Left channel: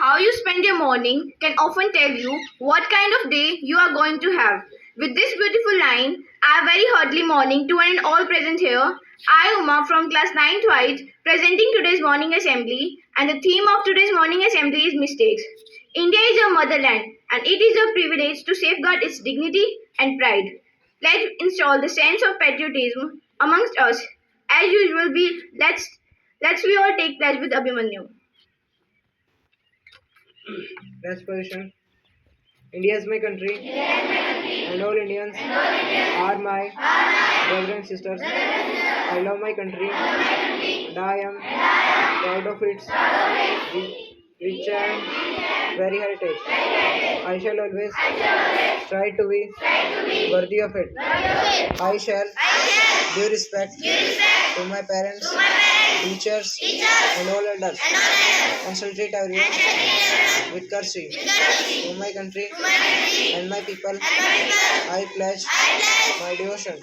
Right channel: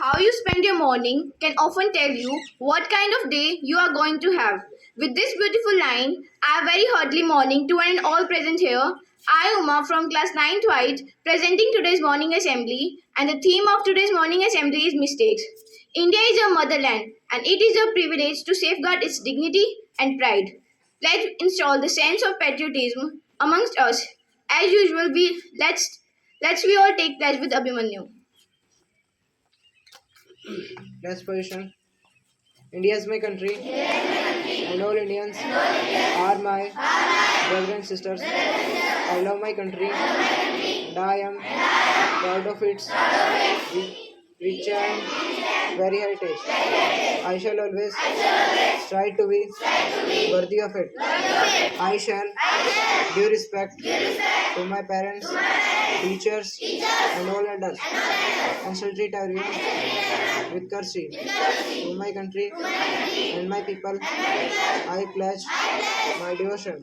How you spend your morning can often tell you what kind of day you are going to have. With this beautiful line, a very hearty morning to one and all present here. I, Uma from class 9th White, presenting today's morning assembly, and the theme of today's morning assembly is mistakes. India is our motherland, and it is our privilege to safeguard its dignity and pride. Let's install the sense of patriotism amongst us. As usual, let's we all take pledge with Abhimanyu. Last position. India is my country, and all Indians are my brothers and sisters. I love my country, and I am proud of its rich and very heritage. I shall always strive to be worthy of it. I shall give respect to my parents, teachers, and all elders, and shall treat everyone with courtesy. To my country and my people, I pledge my devotion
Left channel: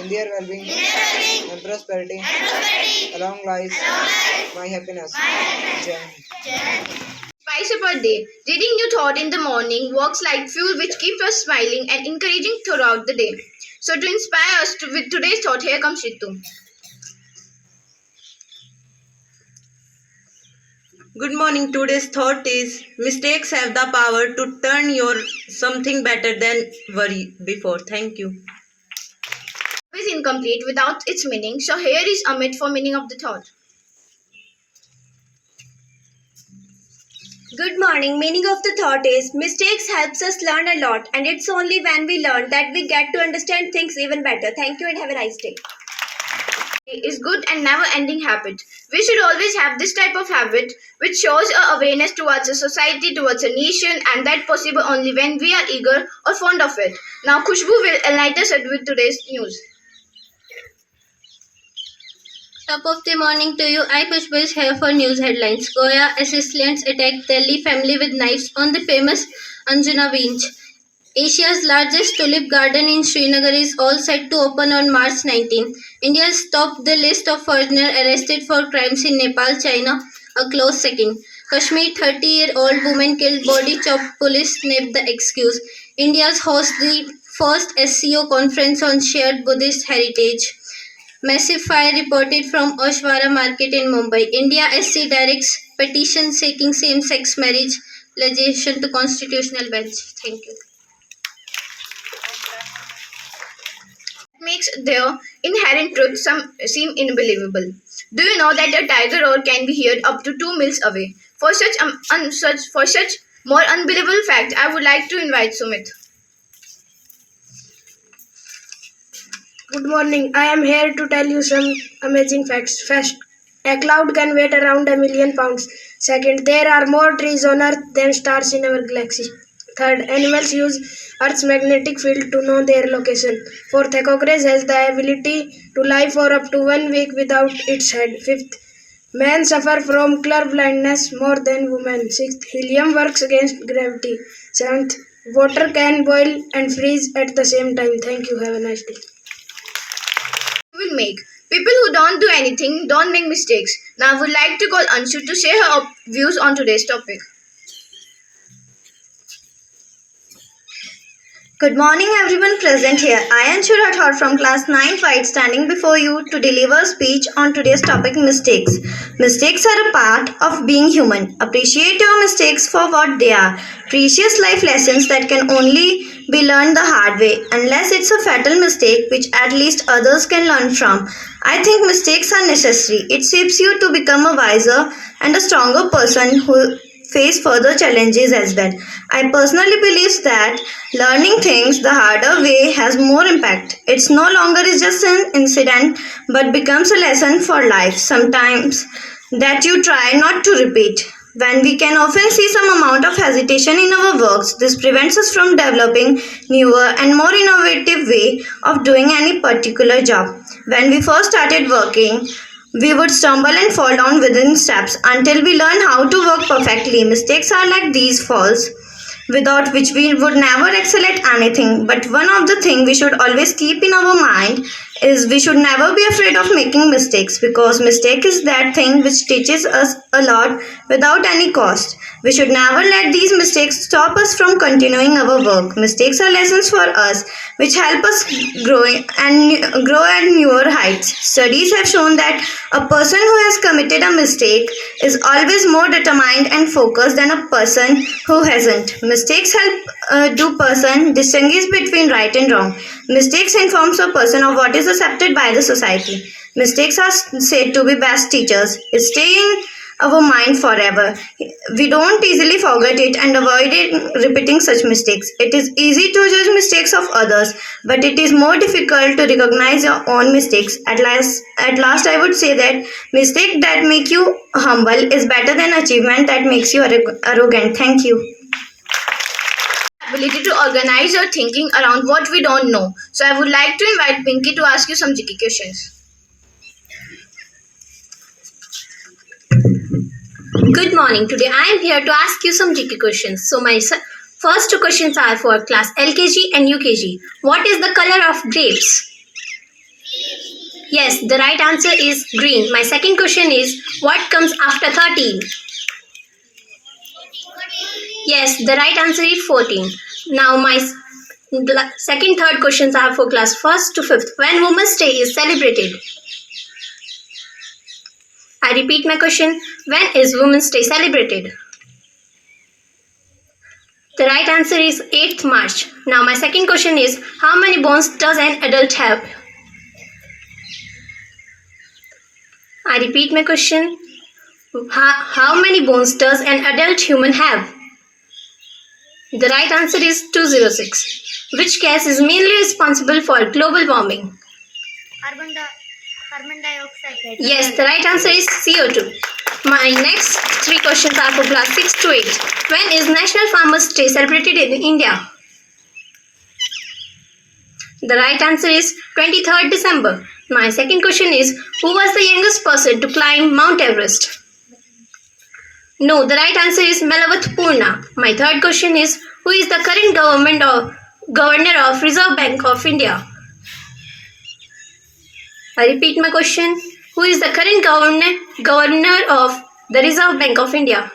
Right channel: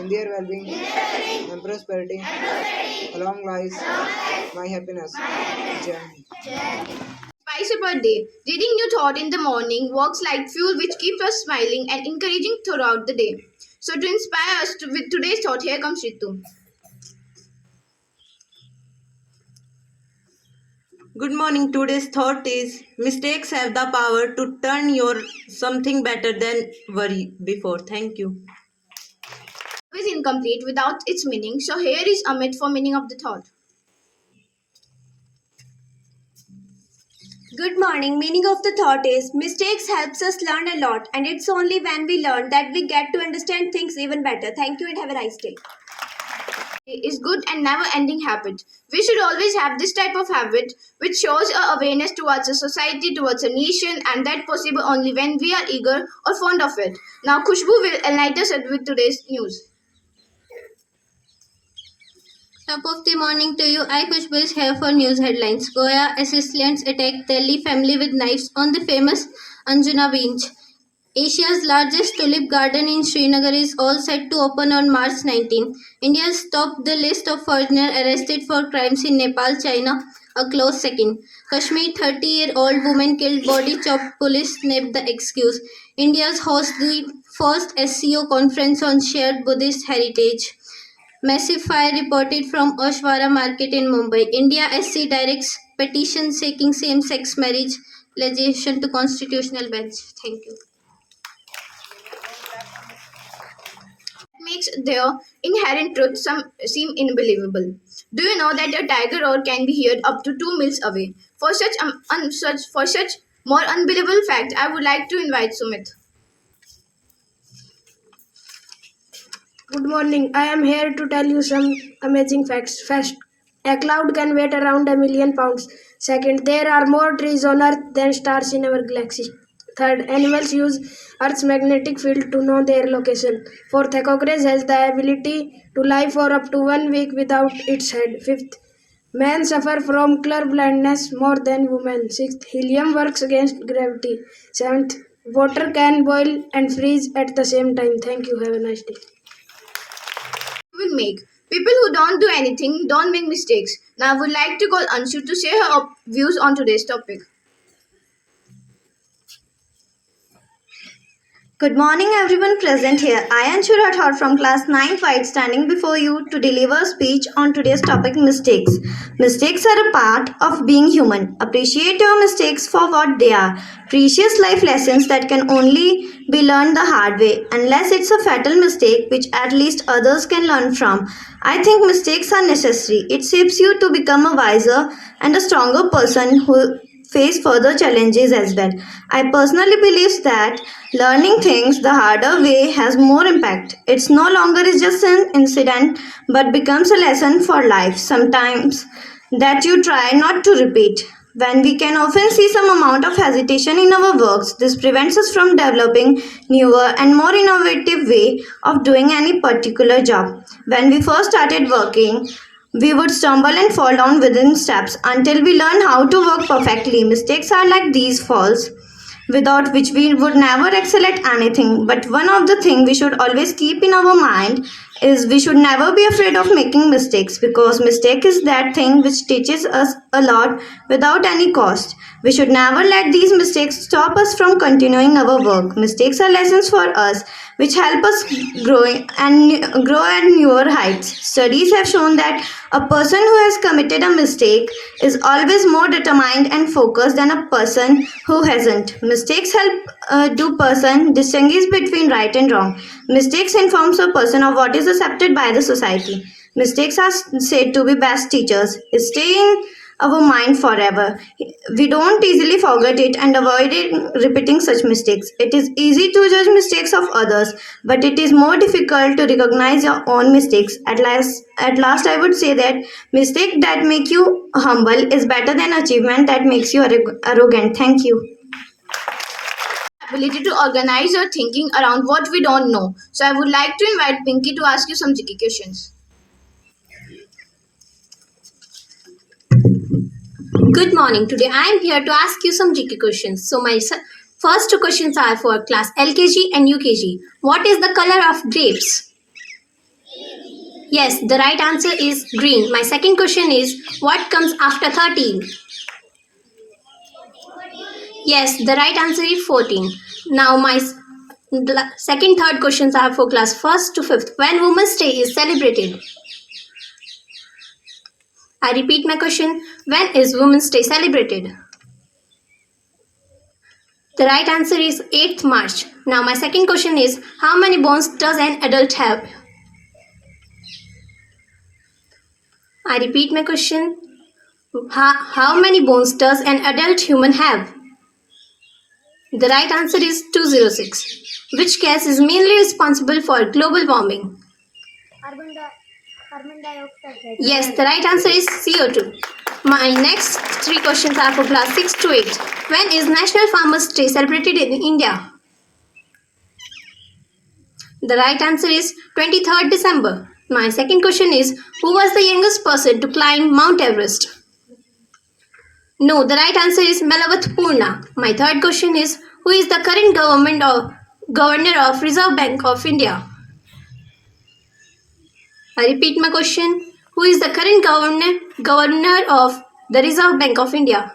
in their well-being and prosperity. Along lies my happiness. Jai Hind. Spice up our day. Reading new thought in the morning works like fuel which keeps us smiling and encouraging throughout the day. So to inspire us with today's thought, here comes Ritu. Good morning. Today's thought is mistakes have the power to turn your something better than worry before. Thank you. Is incomplete without its meaning. So here is Amit for meaning of the thought. Good morning. Meaning of the thought is mistakes helps us learn a lot, and it's only when we learn that we get to understand things even better. Thank you and have a nice day. Is good and never ending habit. We should always have this type of habit which shows our awareness towards a society, towards a nation, and that possible only when we are eager or fond of it. Now Khushbu will enlighten us with today's news. Top of the morning to you. I Khushbu is here for news headlines. Goya assailants attacked Delhi family with knives on the famous Anjuna Beach. Asia's largest tulip garden in Srinagar is all set to open on March 19. India has topped the list of foreigners arrested for crimes in Nepal, China, a close second. Kashmir 30-year-old woman killed, body chopped, police snapped the excuse. India's host the first SCO conference on shared Buddhist heritage. Massive fire reported from Oshwara market in Mumbai. India SC directs petition seeking same-sex marriage legislation to constitutional bench. Thank you. Makes their inherent truth seem unbelievable. Do you know that a tiger roar can be heard up to 2 miles away? For such more unbelievable fact, I would like to invite Sumit. Good morning. I am here to tell you some amazing facts. First, a cloud can weigh around 1,000,000 pounds. Second, there are more trees on Earth than stars in our galaxy. Third, animals use Earth's magnetic field to know their location. Fourth, a cockroach has the ability to lie for up to 1 week without its head. Fifth, men suffer from color blindness more than women. Sixth, helium works against gravity. Seventh, water can boil and freeze at the same time. Thank you. Have a nice day. Will make. People who don't do anything don't make mistakes. Now I would like to call Anshu to share her views on today's topic. Good morning, everyone present here. I am Shurathor from class 9 White, standing before you to deliver a speech on today's topic, mistakes. Mistakes are a part of being human. Appreciate your mistakes for what they are. Precious life lessons that can only be learned the hard way, unless it's a fatal mistake which at least others can learn from. I think mistakes are necessary. It shapes you to become a wiser and a stronger person who face further challenges as well. I personally believe that learning things the harder way has more impact. It's no longer is just an incident but becomes a lesson for life. Sometimes that you try not to repeat. When we can often see some amount of hesitation in our works, this prevents us from developing newer and more innovative way of doing any particular job. When we first started working, we would stumble and fall down within steps until we learn how to work perfectly. Mistakes are like these falls, without which we would never excel at anything. But one of the things we should always keep in our mind is we should never be afraid of making mistakes, because mistake is that thing which teaches us a lot without any cost. We should never let these mistakes stop us from continuing our work. Mistakes are lessons for us which help us grow at newer heights. Studies have shown that a person who has committed a mistake is always more determined and focused than a person who hasn't. Mistakes help do person distinguish between right and wrong. Mistakes informs a person of what is accepted by the society. Mistakes are said to be best teachers. It stay in our mind forever. We don't easily forget it and avoid repeating such mistakes. It is easy to judge mistakes of others, but it is more difficult to recognize your own mistakes. At last, I would say that mistake that make you humble is better than achievement that makes you arrogant. Thank you. Ability to organize your thinking around what we don't know. So I would like to invite Pinky to ask you some GK questions. Good morning. Today I am here to ask you some GK questions. So my first two questions are for class LKG and UKG. What is the color of grapes? Yes, the right answer is green. My second question is what comes after 13? Yes, the right answer is 14. Now my second, third questions are for class 1st to 5th. When Women's Day is celebrated? I repeat my question. When is Women's Day celebrated? The right answer is 8th March. Now my second question is how many bones does an adult have? I repeat my question. How many bones does an adult human have? The right answer is 206. Which gas is mainly responsible for global warming? Carbon dioxide. Yes, the right answer is CO2. My next three questions are for class 6 to 8. When is National Farmers' Day celebrated in India? The right answer is 23rd December. My second question is who was the youngest person to climb Mount Everest? No, the right answer is Melavat Purna. My third question is who is the current governor of Reserve Bank of India? I repeat my question. Who is the current governor of the Reserve Bank of India?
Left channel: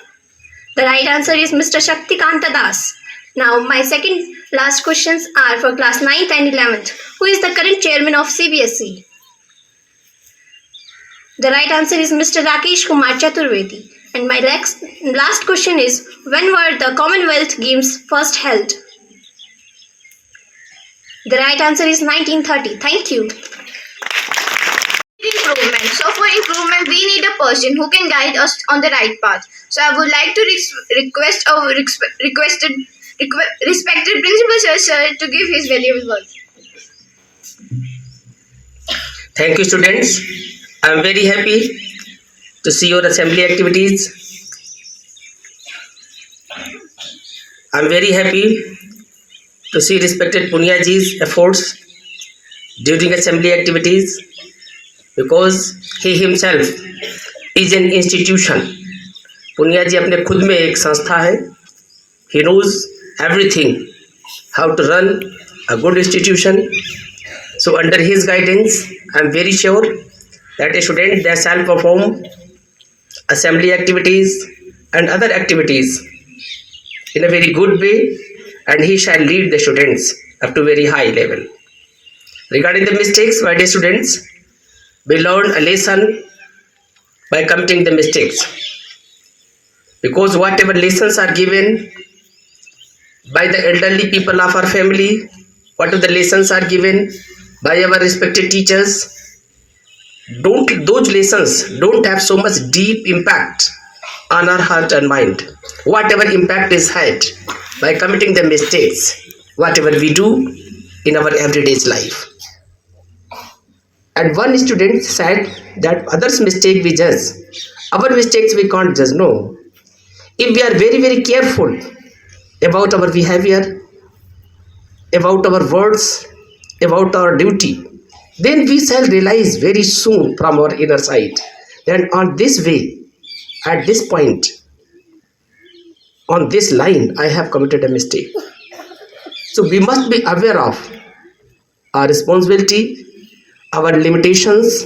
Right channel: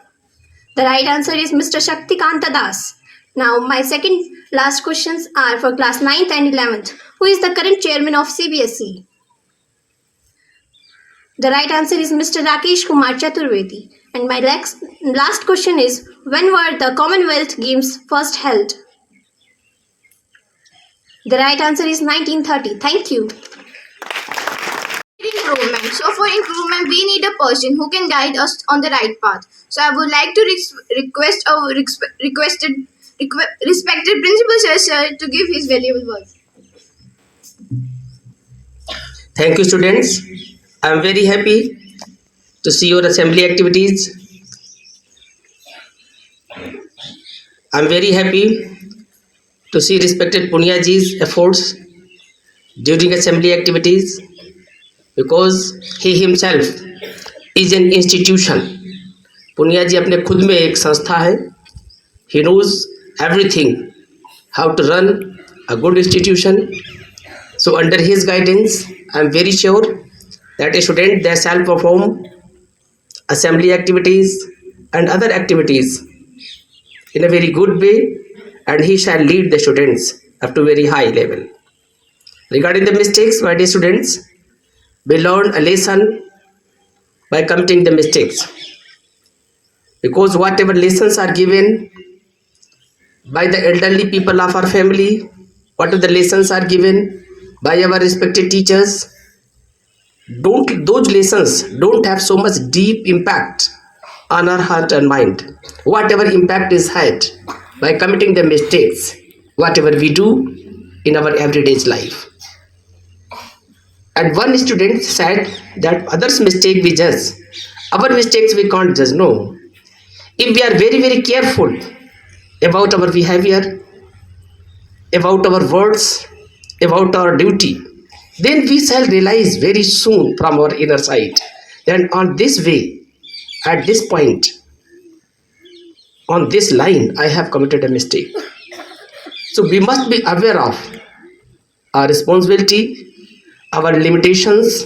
The right answer is Mr. Shaktikanta Das. Now my second last questions are for class 9th and 11th. Who is the current chairman of CBSE? The right answer is Mr. Rakesh Kumar Chaturvedi. And my last question is when were the Commonwealth Games first held? The right answer is 1930. Thank you. Improvement. So for improvement, we need a person who can guide us on the right path. So I would like to request our respected principal sir to give his valuable words. Thank you, students. I am very happy to see your assembly activities. I am very happy to see respected Punia ji's efforts during assembly activities because he himself is an institution. Punia ji अपने खुद में एक संस्था है. He knows everything, how to run a good institution. So under his guidance, I am very sure that a student that shall perform assembly activities and other activities in a very good way, and he shall lead the students up to very high level. Regarding the mistakes, my dear students, we learn a lesson by committing the mistakes, because whatever lessons are given by the elderly people of our family, whatever the lessons are given by our respected teachers, those lessons don't have so much deep impact on our heart and mind. Whatever impact is had by committing the mistakes, whatever we do in our everyday life. And one student said that others' mistake we judge, our mistakes we can't judge. No. If we are very, very careful about our behavior, about our words, about our duty, then we shall realize very soon from our inner side that on this way, at this point, on this line, I have committed a mistake. So we must be aware of our responsibility, our limitations,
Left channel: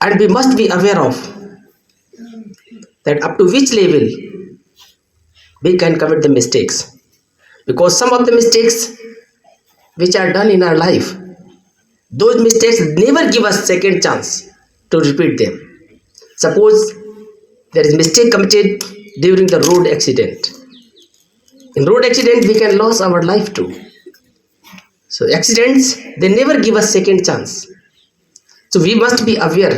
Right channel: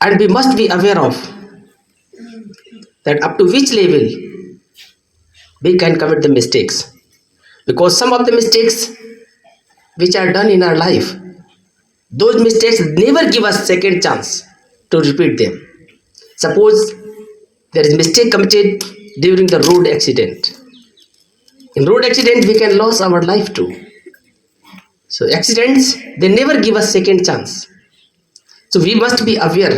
and we must be aware of that up to which level we can commit the mistakes, because some of the mistakes which are done in our life, those mistakes never give us second chance to repeat them. Suppose there is mistake committed during the road accident. In road accident we can lose our life too. So accidents, they never give us second chance. So we must be aware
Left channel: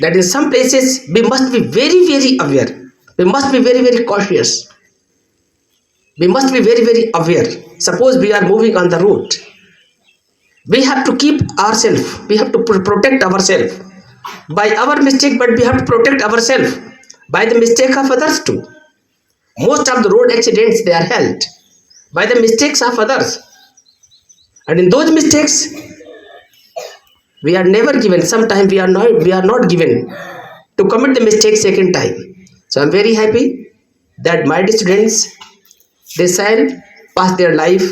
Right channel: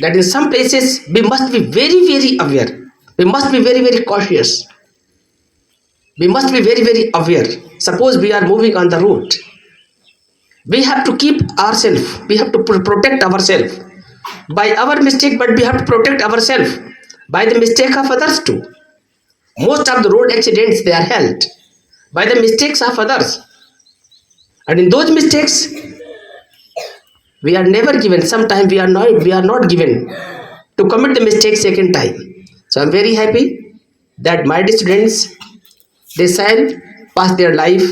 that in some places we must be very, very aware. We must be very, very cautious. We must be very, very aware. Suppose we are moving on the road. We have to keep ourselves. We have to protect ourselves by our mistake, but we have to protect ourselves by the mistake of others too. Most of the road accidents, they are held by the mistakes of others. And in those mistakes, we are never given. Sometimes we are not given to commit the mistake second time. So I'm very happy that my students, they shall pass their life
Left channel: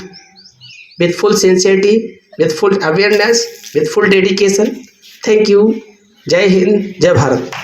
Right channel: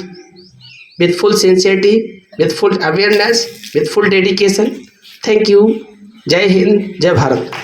with full sincerity, with full awareness, with full dedication. Thank you. Jai Hind, Jai Bharat.